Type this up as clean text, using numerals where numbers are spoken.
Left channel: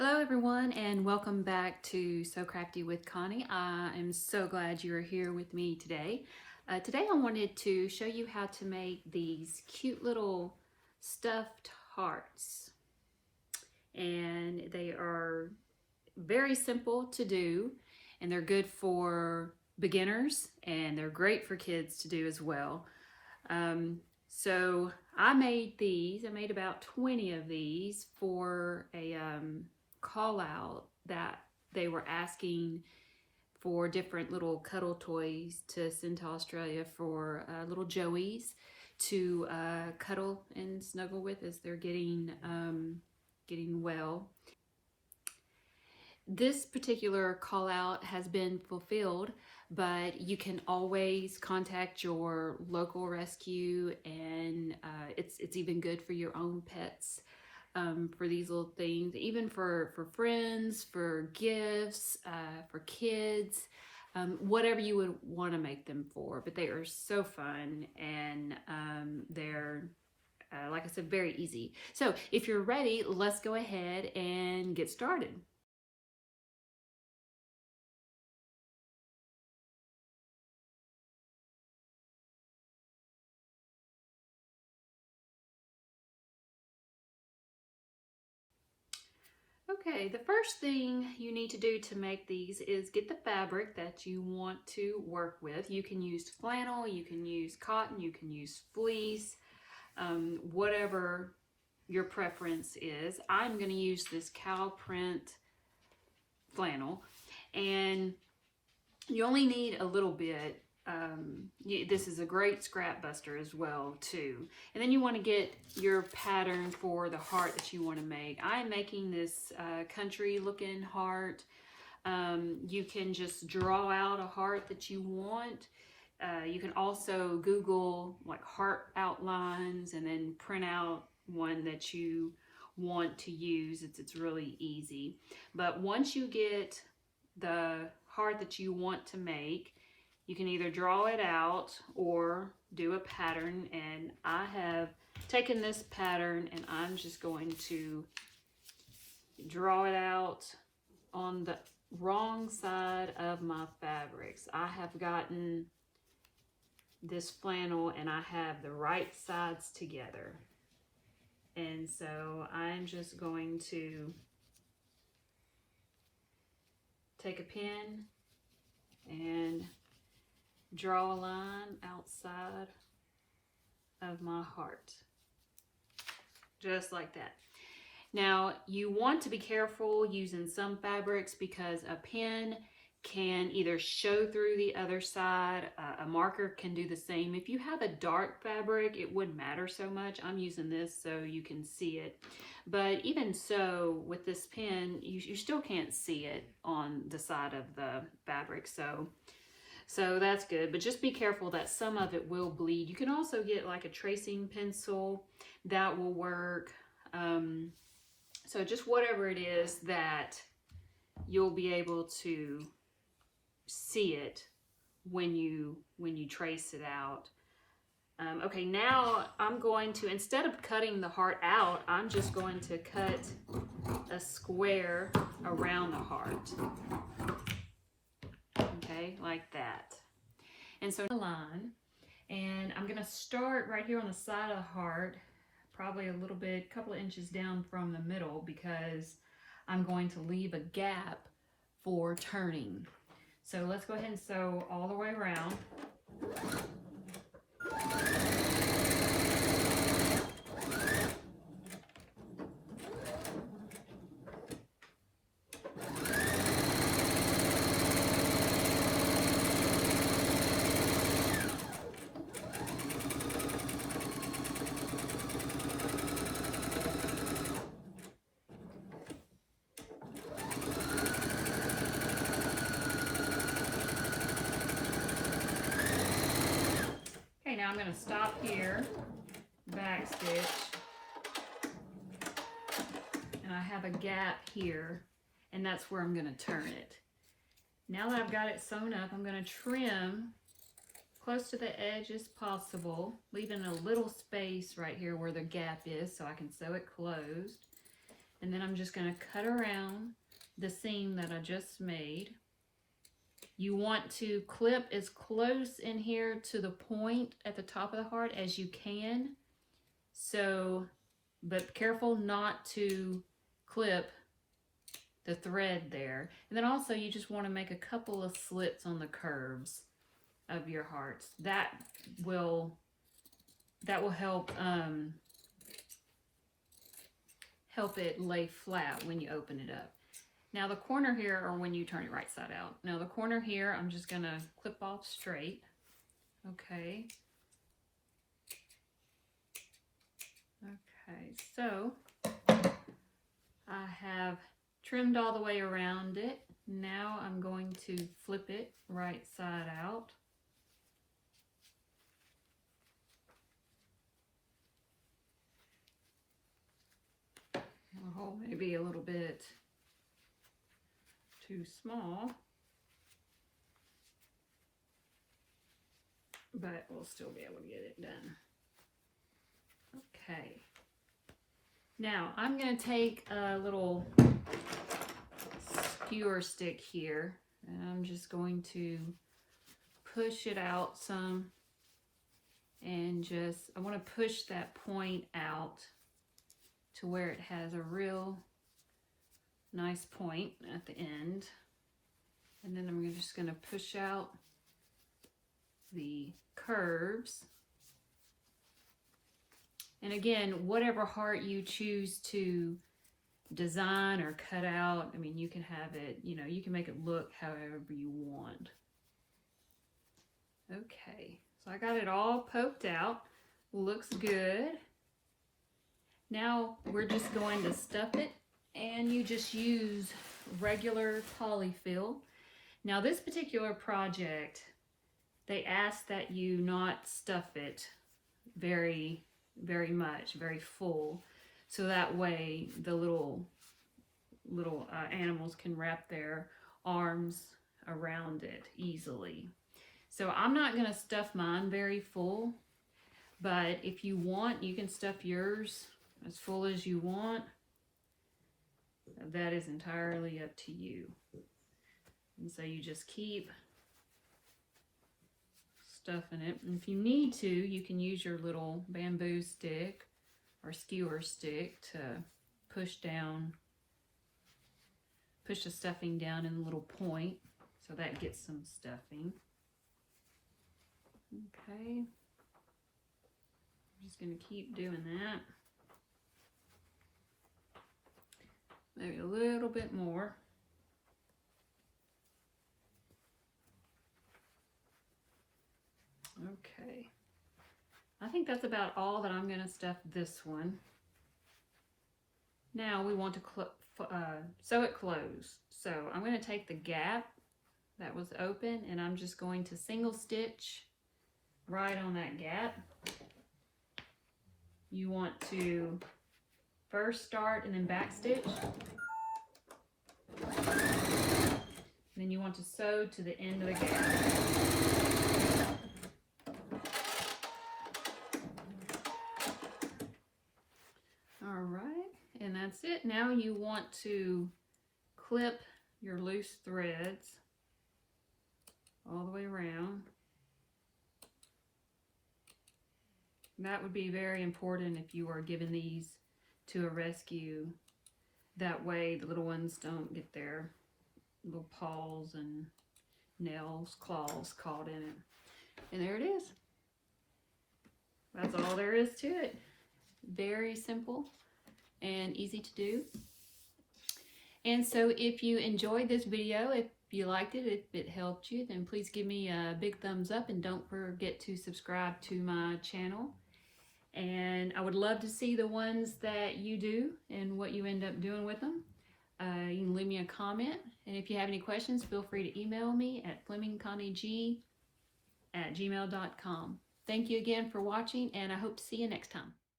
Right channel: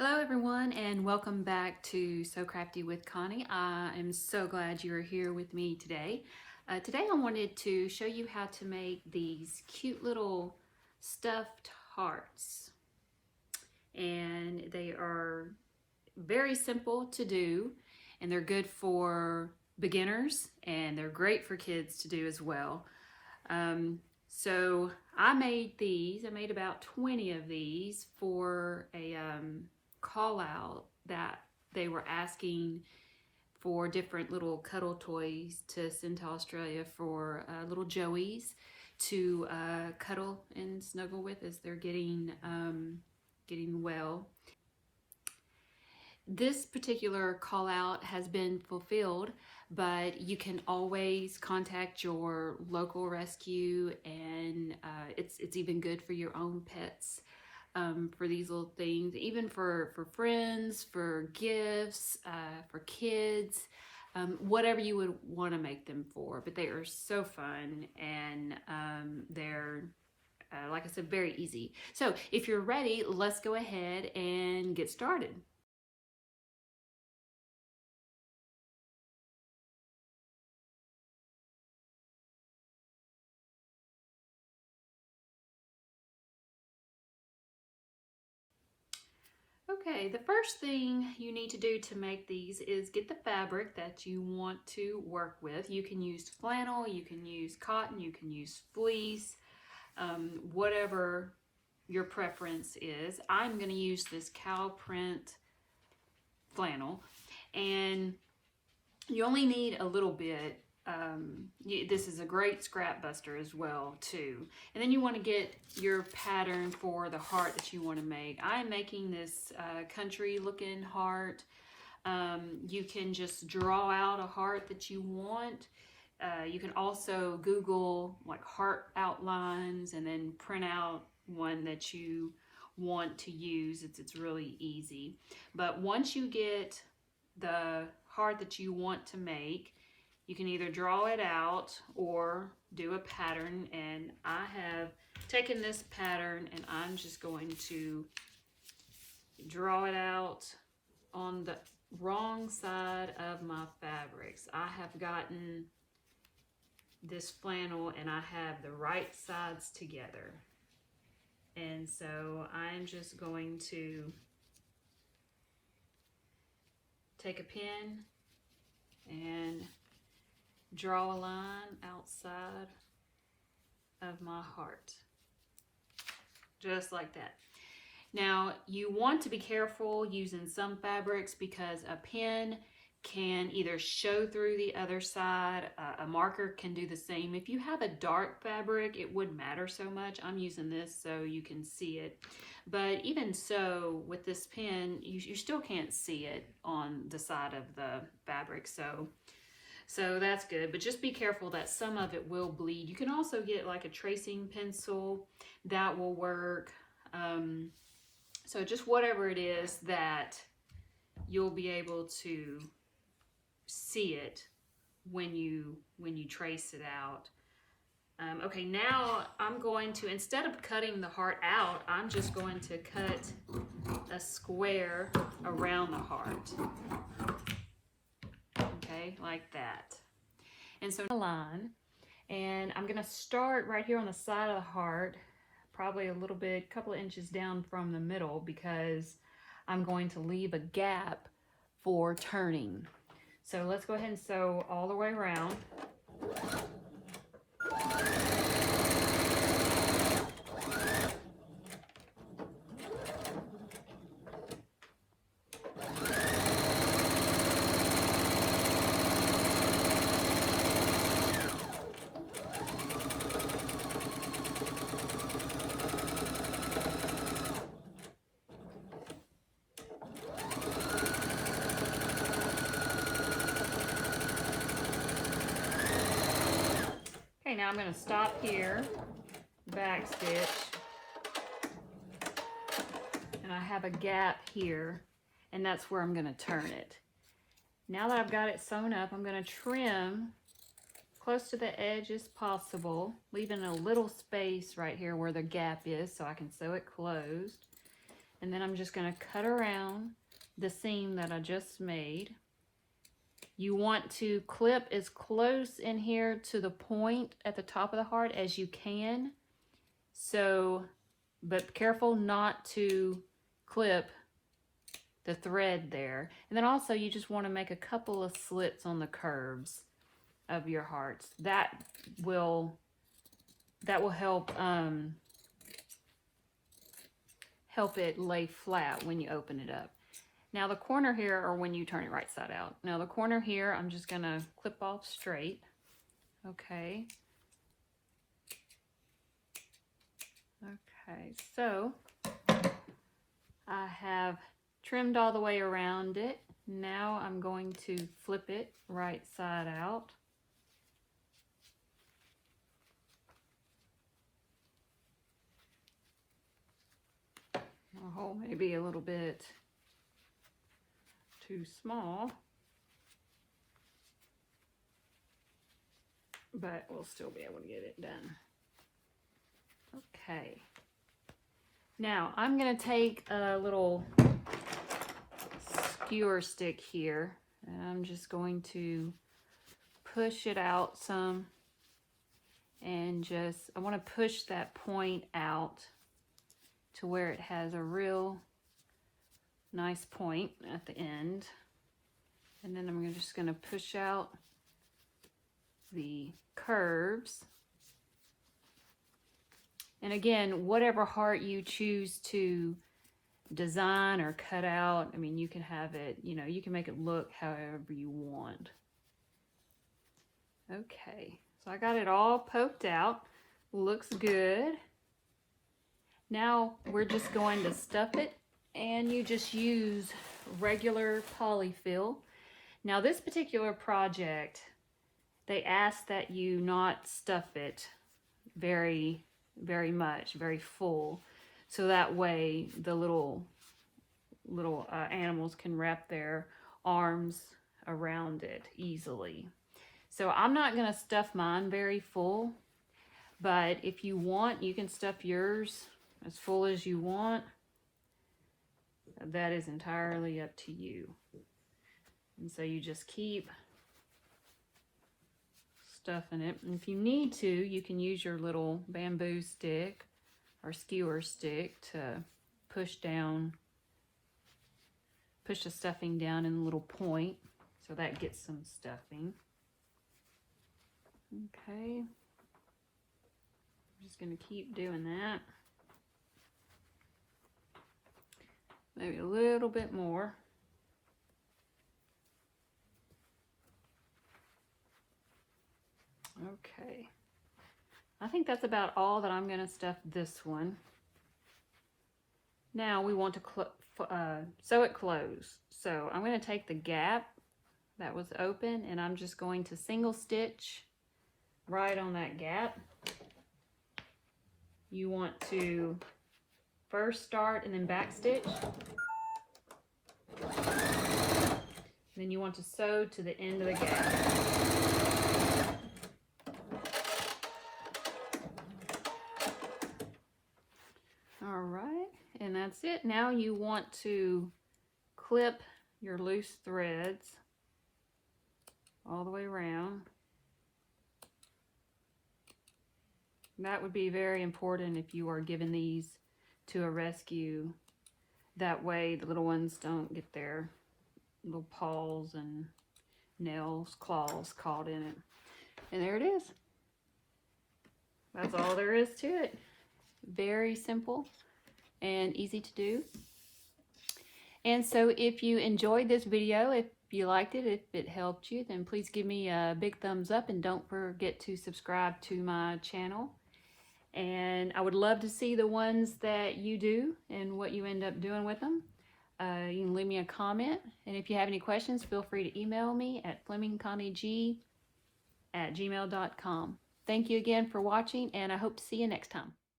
Hello everyone and welcome back to Sew Crafty with Connie. I am so glad you are here with me today. Today I wanted to show you how to make these cute little stuffed hearts. And they are very simple to do and they're good for beginners and they're great for kids to do as well. So I made these. I made about 20 of these for a call out that they were asking for different little cuddle toys to send to Australia for little Joeys to cuddle and snuggle with as they're getting well. This particular call out has been fulfilled, but you can always contact your local rescue, and it's even good for your own pets. For these little things, even for friends, for gifts, for kids, whatever you would want to make them for. But they are so fun and they're, like I said, very easy. So if you're ready, let's go ahead and get started. Okay, the first thing you need to do to make these is get the fabric that you want to work with. You can use flannel, you can use cotton, you can use fleece, whatever your preference is. I'm going to use this cow print flannel, and you only need a little bit. This is a great scrap buster as well too. And then you want to get your pattern for the heart that you want to make. I'm making this country looking heart. You can just draw out a heart that you want. You can also Google like heart outlines and then print out one that you want to use. It's really easy. But once you get the heart that you want to make, you can either draw it out or do a pattern, and I have taken this pattern and I'm just going to draw it out on the wrong side of my fabrics. I have gotten this flannel and I have the right sides together, and so I'm just going to take a pen and draw a line outside of my heart, just like that. Now you want to be careful using some fabrics because a pen can either show through the other side. A marker can do the same. If you have a dark fabric, it wouldn't matter so much. I'm using this so you can see it. But even so, with this pen, you still can't see it on the side of the fabric. So that's good. But just be careful that some of it will bleed. You can also get like a tracing pencil. That will work. So just whatever it is that you'll be able to see it when you trace it out. Okay, now I'm going to, instead of cutting the heart out, I'm just going to cut a square around the heart. Okay, like that. And so a line, and I'm going to start right here on the side of the heart, probably a little bit, couple of inches down from the middle, because I'm going to leave a gap for turning. So let's go ahead and sew all the way around. Okay, now I'm going to stop here, back stitch, and I have a gap here, and that's where I'm going to turn it. Now that I've got it sewn up, I'm going to trim close to the edge as possible, leaving a little space right here where the gap is so I can sew it closed. And then I'm just going to cut around the seam that I just made. You want to clip as close in here to the point at the top of the heart as you can. So, but careful not to clip the thread there. And then also you just want to make a couple of slits on the curves of your hearts. That will help help it lay flat when you open it up. Now the corner here, or when you turn it right side out. Now the corner here, I'm just gonna clip off straight. Okay. Okay, so I have trimmed all the way around it. Now I'm going to flip it right side out. Oh, maybe a little bit too small, but we'll still be able to get it done. Okay. Now I'm going to take a little skewer stick here, and I'm just going to push it out some, and I want to push that point out to where it has a real nice point at the end. And then I'm just going to push out the curves. And again, whatever heart you choose to design or cut out, I mean, you can have it, you know, you can make it look however you want. Okay, so I got it all poked out. Looks good. Now we're just going to stuff it, and you just use regular polyfill. Now this particular project, they ask that you not stuff it very much, very full, so that way the little animals can wrap their arms around it easily. So I'm not going to stuff mine very full, but if you want, you can stuff yours as full as you want. That is entirely up to you. And so you just keep stuffing it. And if you need to, you can use your little bamboo stick or skewer stick to push the stuffing down in a little point, so that gets some stuffing. Okay. I'm just going to keep doing that. Maybe a little bit more. Okay. I think that's about all that I'm going to stuff this one. Now we want to sew it closed. So I'm going to take the gap that was open, and I'm just going to single stitch right on that gap. You want to first start and then back stitch. Then you want to sew to the end of the gap. All right, and that's it. Now you want to clip your loose threads all the way around. That would be very important if you are giving these to a rescue. That way the little ones don't get their little paws and nails, claws caught in it. And there it is. That's all there is to it. Very simple and easy to do. And so if you enjoyed this video, if you liked it, if it helped you, then please give me a big thumbs up, and don't forget to subscribe to my channel. And I would love to see the ones that you do and what you end up doing with them. You can leave me a comment, and if you have any questions, feel free to email me at FlemingConnieG@gmail.com. Thank you again for watching, and I hope to see you next time.